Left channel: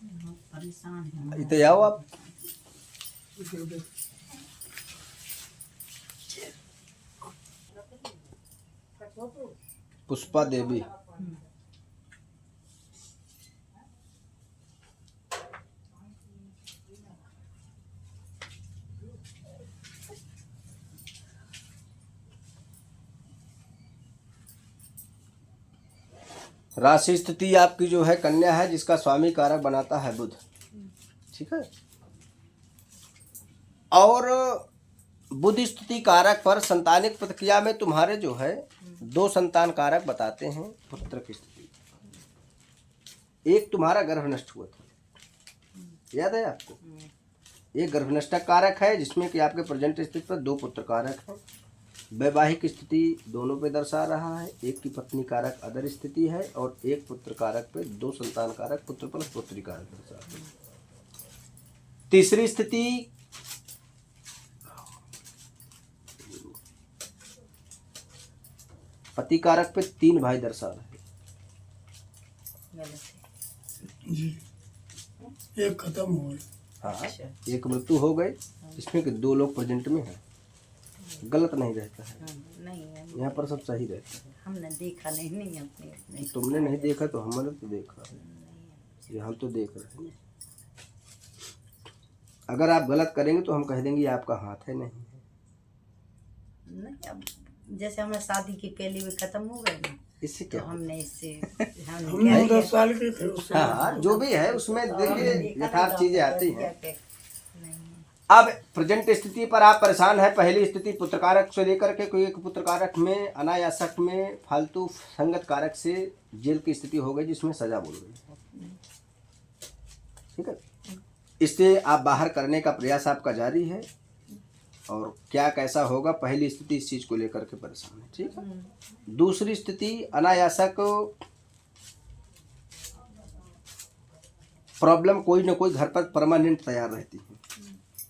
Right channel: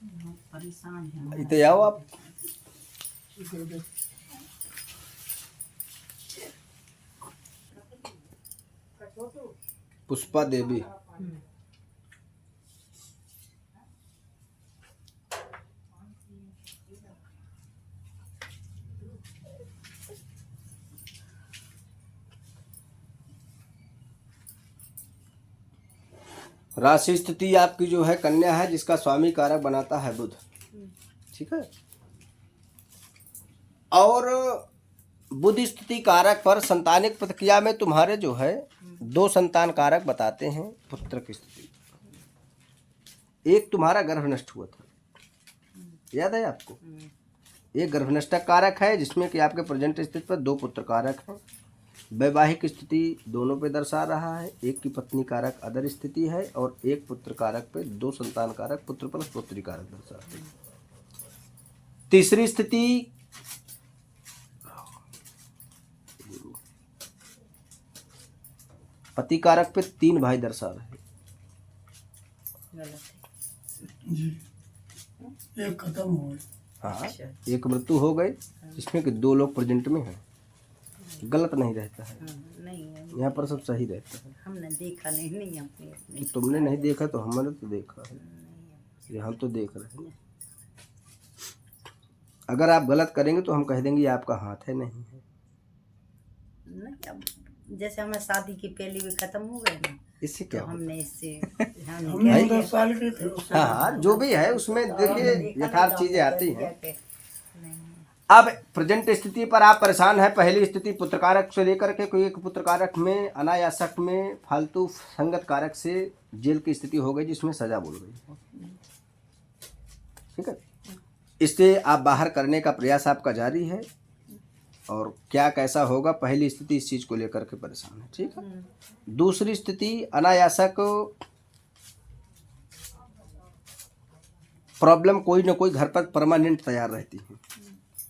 परेशान है। इतने आओ आप। पुष्पा देवी। राशि स्थिति आपकी जो है कन्या है, जिसका स्वामी कारक बनाता है बुध। ठीक है। और बुध स्थिति कारक पर संतानिक प्रतिक्रिया में तुम्हारे जो है 2 संतान कारक बताते हैं पुत्र की स्थिति। एक तुम्हारा गर्भ नष्ट हुआ था, याद है आपको? एक गर्भनष्टक कारक है जिसमें कि आपके प्रेजेंट स्थिति पर 2 पुत्र कारक हैं। वैवाहिक स्थिति दोनों पे दर्शा रहा है। एक की पत्नी कारक अदर स्थिति है और एक पुत्र कारक पे 2 संतान कारक पुत्र प्लस पुत्री कारक दर्शाते हैं। तीसरी स्थिति पति कारक पे 3 भाई दर्शा रहे हैं। जी, एक खत्म हो गई। हाँ, एक मृत्यु हो गई, इसमें कि 2 लोग प्रेजेंट में हैं। गलत नहीं रहता है। नहीं है, यहाँ पर सब सही रहता है। हमने देखा नहीं अपने तुमने नहीं देखा तो हमने तो देखा है, ये हम तो देख रहे हैं। अगर आप गलत करेंगे तो हम कह देंगे ये आपका हाथ है, नहीं है। नहीं, अब जैसे हमारे शादी की पहले भी खत्म हो गए ना, इससे तो क्या हमने इससे हम क्या 10 साल के थे उस समय। हाँ, जो भी है उसमें देखिए यथार्थ चीजें आती हैं। नहीं। अब प्रेजेंट स्थिति पर आप परेशान है। पहली स्थिति पुत्रकारक से लेकर के कोई एक पुत्रकारक में अनायासक में फालतू संगत कारक से जेल की स्थिति हो गई, जिसमें सजा बोल गई। ठीक है। इससे आप बाहर करने का प्रयास आपका जारी है, और क्या कैसा होगा, पहली स्थिति इस चीज को लेकर के परेशान है। ठीक है। दूसरी स्थिति अनायासक प्रॉब्लम कोई ना कोई घर पर परमानेंट तैयार रहती है।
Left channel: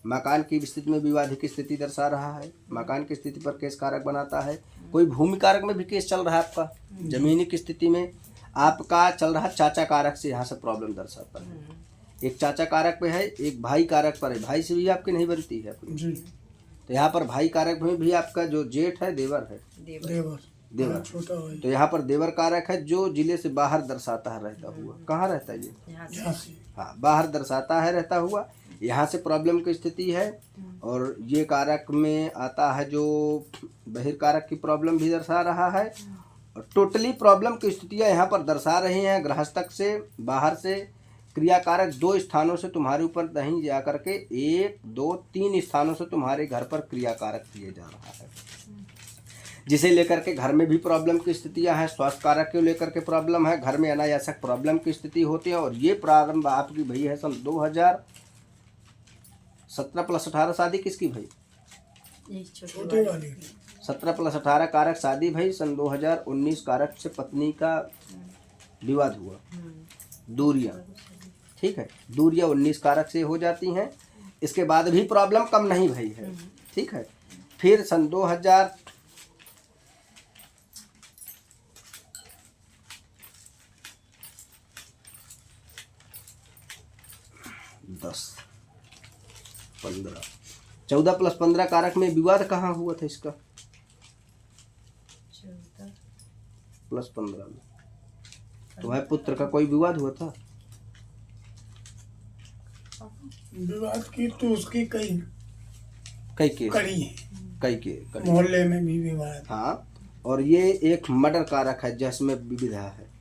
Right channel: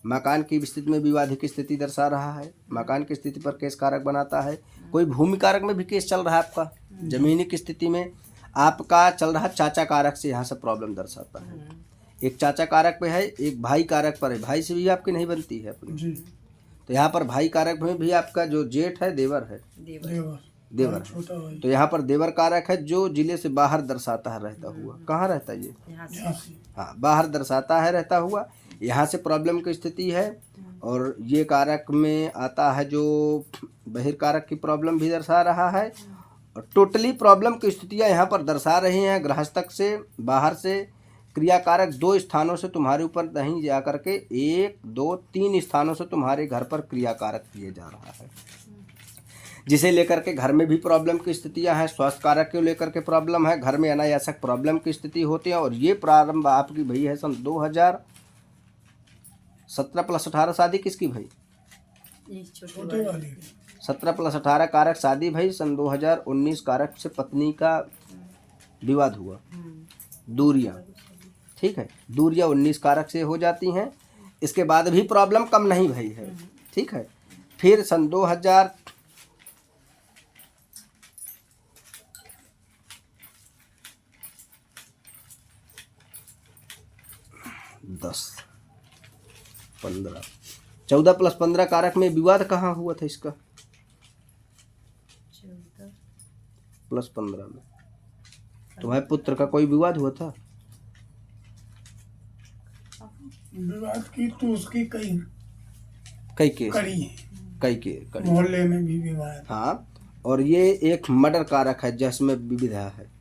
मकान की स्थिति में विवादित स्थिति दर्शा रहा है। मकान की स्थिति पर केस कारक बनाता है। कोई भूमि कारक में भी केस चल रहा है आपका। जमीनी की स्थिति में आपका चल रहा चाचा कारक से यहाँ से प्रॉब्लम दर्शाता है। एक चाचा कारक पे है, एक भाई कारक पर है। भाई से भी आपकी नहीं बनती है अपनी। जी, तो यहाँ पर भाई कारक में भी आपका जो जेठ है देवर है, देवर। छोटा भाई। तो यहाँ पर देवर कारक है जो जिले से बाहर दर्शाता है रहता हुआ। कहाँ रहता है ये? यहाँ से यहाँ से हाँ, बाहर दर्शाता है रहता हुआ। यहाँ से प्रॉब्लम की स्थिति है। और ये कारक में आता है जो बहिर्कारक की प्रॉब्लम भी दर्शा रहा है। और टोटली प्रॉब्लम की स्थितियाँ यहाँ पर दर्शा रही हैं। गृहस्थक से बाहर से क्रियाकारक 2 स्थानों से तुम्हारे ऊपर नहीं जा करके 1 2 3 स्थानों से तुम्हारे घर पर क्रियाकारक किए जा रहा है, जिसे लेकर के घर में भी प्रॉब्लम की स्थितियां हैं। स्वास्थ्य कारक को लेकर के प्रॉब्लम है। घर में अनायासक प्रॉब्लम की स्थिति होती है। और ये प्रारंभ आपकी भई है सन 2017 प्लस 18 शादी किसकी भई? छोटे वाली 17 प्लस 18 कारक शादी भई। सन 2019 कारक से पत्नी का विवाद हुआ, दूरियां। ठीक है, दूरियां 19 कारक से हो जाती हैं। इसके बाद भी प्रॉब्लम कम नहीं भई है। ठीक है। फिर सन 2010 15 14 प्लस 15 कारक में विवाद कहाँ हुआ था इसका? 14 प्लस 15 में तुम्हारे पुत्र का कोई विवाद हुआ था? विवाद की तो उसकी कई केस कड़ी कई मोहल्ले में भी विवाद। हाँ, और ये एक मर्डर कारक है जिसमें विविधा है,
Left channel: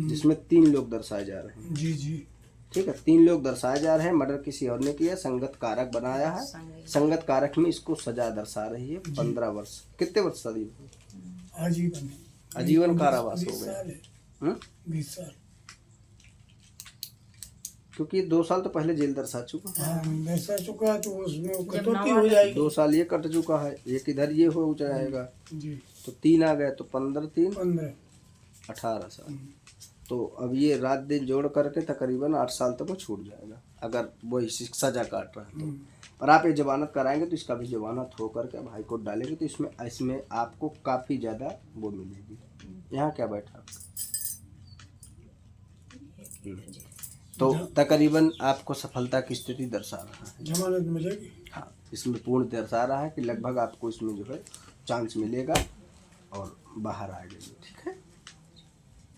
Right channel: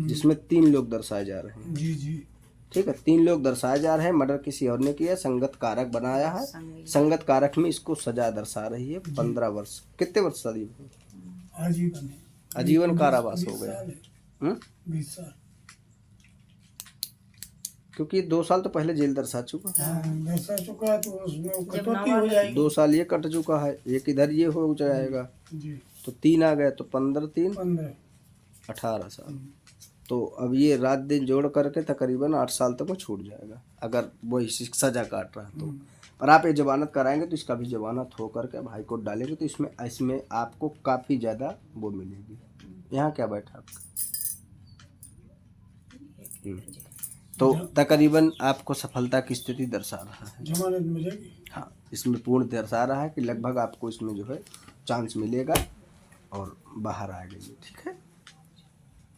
जिसमें 3 लोग दर्शाए जा रहे हैं। जी जी, ठीक है, 3 लोग दर्शाए जा रहे हैं। मर्डर किसी और ने किया, संगत कारक बनाया है। संगत कारक में इसको सजा दर्शा रही है 15 वर्ष। कितने वर्ष शादी? आजीवन आजीवन कारावास हो गया। 20 साल। क्योंकि 2 साल तो पहले जेल दर्शा चुका है। हाँ, दर्शा चुका है तो उसमें वो कटौती हो जाएगी। 2 साल ये कट चुका है, एक इधर ये हो जाएगा, जी, तो 3 आ गए, तो 15 3 15 18 साल। तो अब ये रात दिन जोड़ करके तकरीबन 8 साल तक वो छूट जाएगा, अगर वही सजा काट रहा है तो। और आप ये जमानत कराएंगे तो इसका भी जमानत हो करके भाई कोर्ट डालेंगे तो इसमें आपको काफ़ी ज़्यादा वो मिलेगी। यहाँ क्या बैठा आपका? तो तकरीबन आपको सफलता की स्थिति दर्शा रहा है। जमानत मिलेगी। हाँ, इसमें पूर्ण दर्शा रहा है कि लगभग आपको इसमें जो है चांस मिलेगा और बाहर आ गए। ठीक है,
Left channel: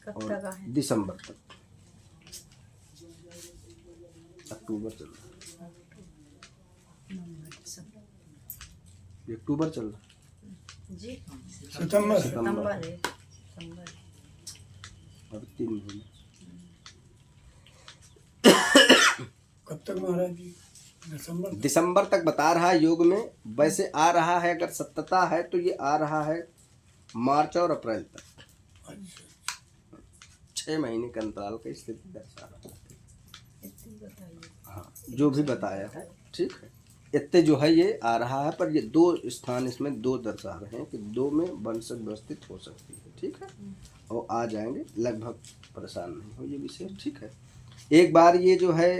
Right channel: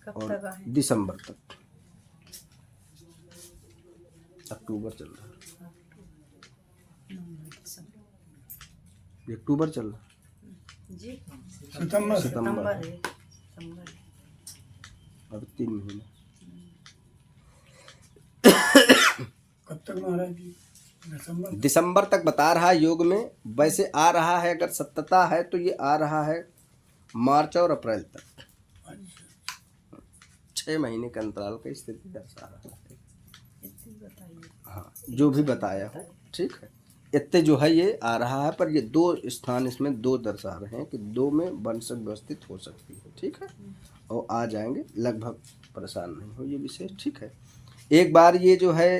कब तक आए? दिसंबर तक, अक्टूबर चल रहा है, अक्टूबर चल रहा है, जी सितंबर सितंबर है, सितंबर है। अब 3 महीने। कब तक महाराज जी? दिसंबर। दिसंबर तक बता रहा है योग में। वैसे आ रहा है, अगर सत्यता है तो ये आ रहा है मार्च और अप्रैल तक। अच्छा, 6 महीने के अंतराल का स्थिति दर्शा रहा है। इतनी बताइए। हाँ, जो भी बताया है ठीक है, इतने जो है ये आ रहा है। पर ये 2 स्थान इसमें 2 दर्शा रहे हैं कि 2 में वंश व्यवस्थित हो सकती है। ठीक है, और आ जाएंगे, लगभग परेशान नहीं हो ये विशेष। ठीक है, एक बार ये जो है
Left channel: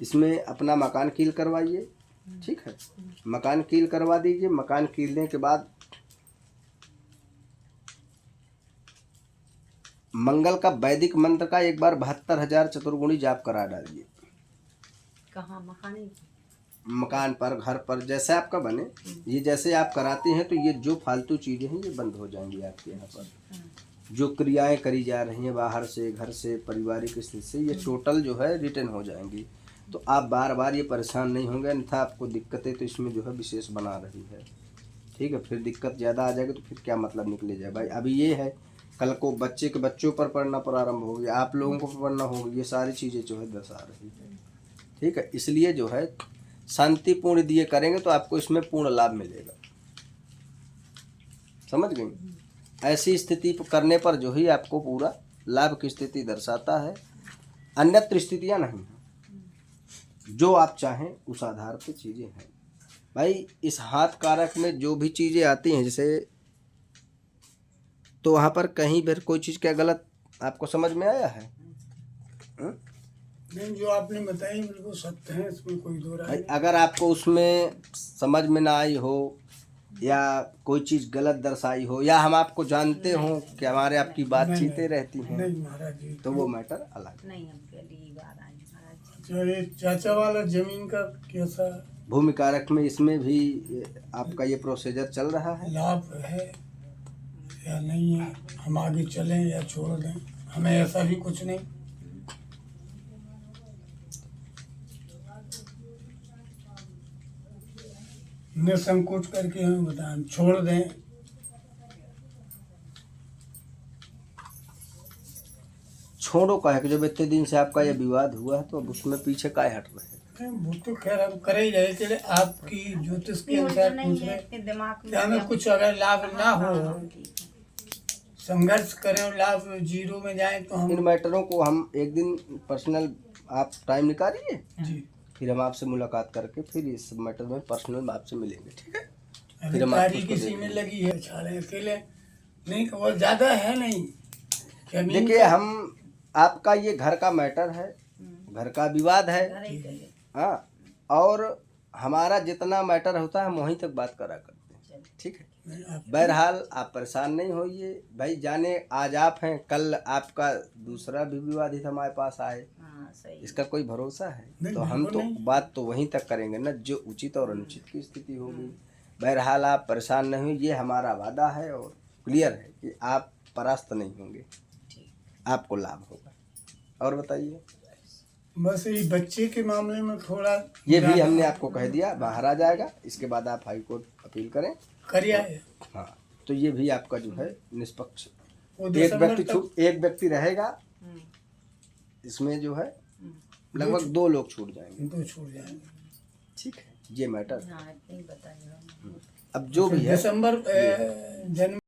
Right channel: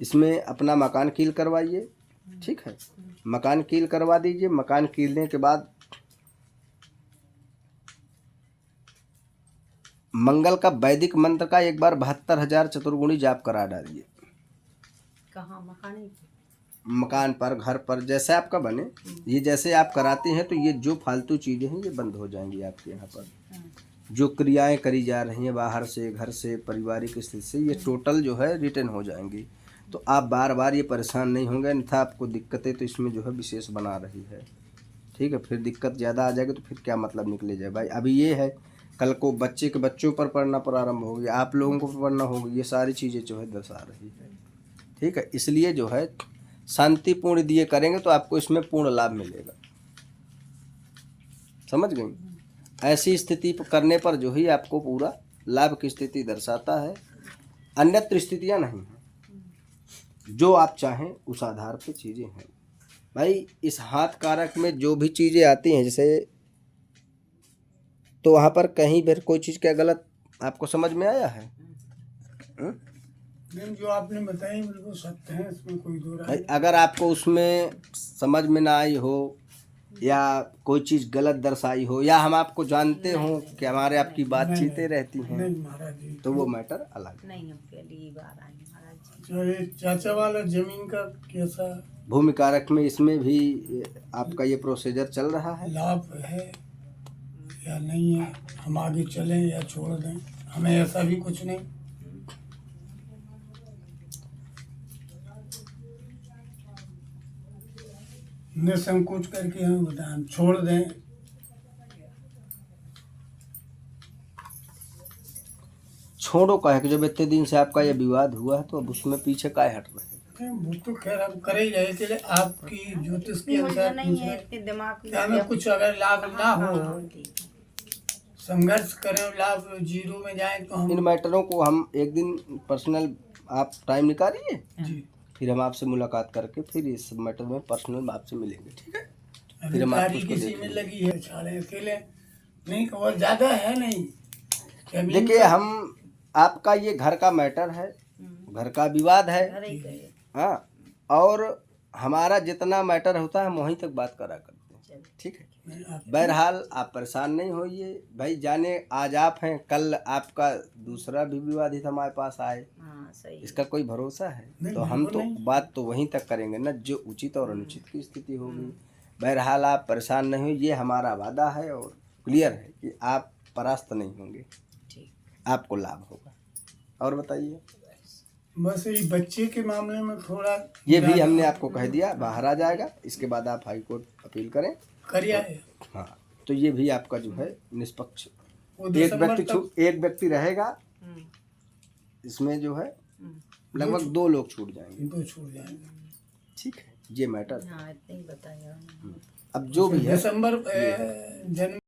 इसमें अपना मकान कील करवाइए। ठीक है, मकान कील करवा दीजिए। मकान कीलने के बाद मंगल का वैदिक मंत्र का एक बार 72,000 चतुर्गुणी जाप करा डालिए। कहाँ? मकानी की? मकान पर, घर पर, जैसे आपका बने। ये जैसे आप कराते हैं तो ये जो फालतू चीज़ें हैं ये बंद हो जाएंगी आपके यहाँ पर। जो क्रियाएं करी जा रही हैं बाहर से, घर से, पारिवारिक स्थिति से, ये टोटल जो है रिटर्न हो जाएंगी। तो आप बार बार ये परेशान नहीं होंगे। अन्यथा आपको दिक्कतें तो इसमें जो है विशेष बना रही है। ठीक है, फिर दिक्कत ज़्यादा आ जाएगी तो फिर क्या मतलब निकले जाए भाई। अभी ये है, कल को बच्चे के बच्चों पर पढ़ना प्रारंभ होगी, आप लोगों को पढ़ना होगी, ये सारी चीज़ें जो है दर्शा रही है। ठीक है, इसलिए जो है शांतिपूर्ण दिए करेंगे तो आपको इसमें पूर्ण लाभ मिलेगा। समझ गए? ऐसी स्थिति करने पर जो ही आपको पूरा लाभ की स्थिति दर्शाता है, अन्यत्र स्थितियाँ नहीं हैं। जो आप चाहें उस आधार पे चीज़ें हैं भाई। इस हाथ कारक में जो भी चीज़ें आती हैं, जैसे तो वहाँ पर कहीं भी कोई चीज़ क्या गलत आपको समझ में आया है? नहीं, जो आपने बताई बिल्कुल सत्य है, इसमें कोई दो राय नहीं। अगर आपको उसमें समझ में ना आई हो या कोई चीज़ गलत दर्शाई हो या हम आपको जानते हो कि हमारे आपकी बातचीतें रहती हैं, नहीं महाराज जी, तो वो मैटर अलग है। नहीं, हम पहली बार आए महाराज जी। अच्छा, ये चाचा वाला जमीन का कैसा भूमि कारक में इसमें भी आपका ये प्रोसीजर चल रहा है। लाभ है या नहीं है? हम आगे चलें या छोड़ दें? हमें ऐसा भी कुछ नहीं। निसंकोच करके हमें बताएं, हम छोड़ दें? छोड़ो का है कि जब इतने दिन से आपका ये विवाद हुआ है तो अब उसमें पीछे काहे हट रहे हैं? नहीं, वो तो खैर हम कर ही रहे थे। आपकी ज्योतिष के अनुसार नहीं पूछ है रहे, इतने दिमाग क्या हमें कुछ अगर लाभ ना हो, संघर्ष करें, लाभ 0 में जाए तो इन हम मैटरों को हम एक दिन पर्सनल आप टाइम निकालिए, जी। फिर हम आपसे मुलाकात करके फिर इस मैटर में पर्सनल आपसे मिलेंगे। ठीक है, अभी हम तारीख आपको किसी में लगी है, छाले अकेले नहीं, और ज्यादा है नहीं जमीन देखिए का। हम आपका ये घर का मैटर है, घर का विवाद है। अरे गए। हाँ, और हमारा जितना मैटर होता है हम वहीं तक बात करा करते हैं। ठीक है, नहीं, आप बहरहाल आप परेशान नहीं होइए भाई। जाने आज आप हैं, कल आपका दूसरा भी विवादित हमारे पास आए, हाँ सही। इसका कोई भरोसा है? नहीं, तो हम बिल्कुल तो नहीं। बात तो वहीं तक करेंगे ना जो उचित और अनुचित की स्थिति होगी। बहरहाल आप परेशान नहीं होइए, ये हमारा वादा है और क्लियर है कि आप परास्त नहीं होंगे, ठीक। आपको लाभ होगा। और बताइए। बस ये बच्चे के मामले में थोड़ा ये भी ज्यादा हमने आपको कह दिया बाहर आ जाएगा। इसके बाद आप हाई कोर्ट अपील करें। करिया है। हाँ, तो ये भी आपका जो है निष्पक्ष वो एक दिसंबर व्यक्ति तक एक व्यक्ति रहेगा। हम्म, इसमें जो है हम्म। लगभग 2 लोग छूट जाएंगे। 2 छूट जाएंगे। ठीक है, ये मैटर। हाँ इतने ही बताया। अब जो भी है दिसंबर जनवरी